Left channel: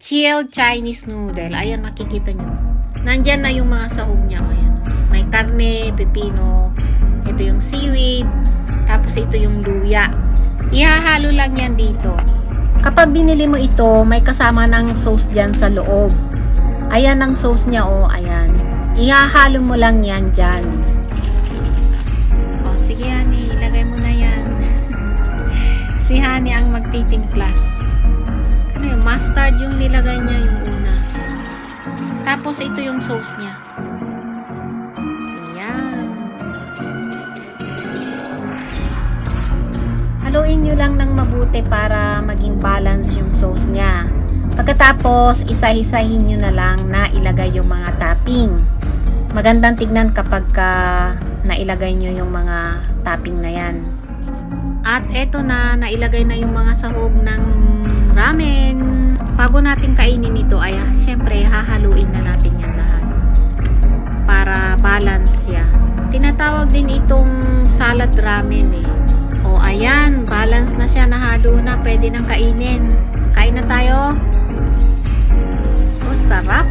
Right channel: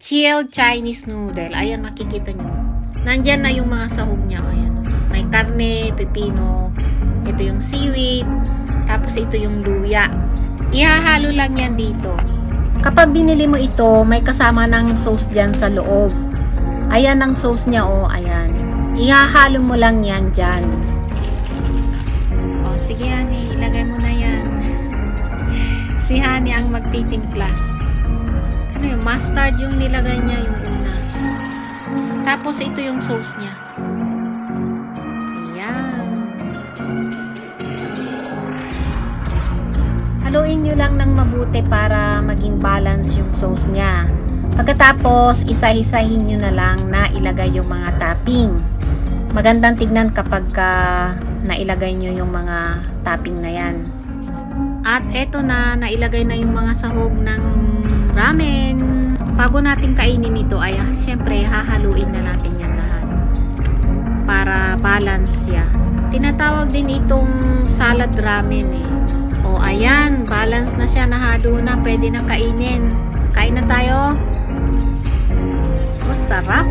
Chilled Chinese noodle. Ayan, makikita nyo. Nandyan na yung mga sahog niya. Ayan. May karne, pepino. Ito yung seaweed. Tapos ito yung luya. Ihahalo lang yan dito. Kapag binili mo ito, may kasama ng sauce dyan sa loob. Ayan ang sauce niya, oh. Ayan. Ihahalo mo lang yan dyan. O, sige, Honey. Ilagay mo na yan. Si Honey ang magtitimpla. Ano yung mustard yung nilagay niya yung una. Tapos ito yung sauce niya. Ayan. Haluin nyo lang ng mabuti para maging balance yung sauce niya. Pagkatapos, isa-isahin nyo na lang na ilagay yung mga topping. Magandang tignan kapag nailagay nyo yung mga topping na yan. At eto na, nailagay na yung mga sahog ng ramen. Bago natin kainin ito ay syempre hahaluin na natin yan lahat para balance siya. Tinatawag din itong salad ramen eh. O ayan, balance na siya, nahalo na, pwede nang kainin. Kain na tayo. O sarap.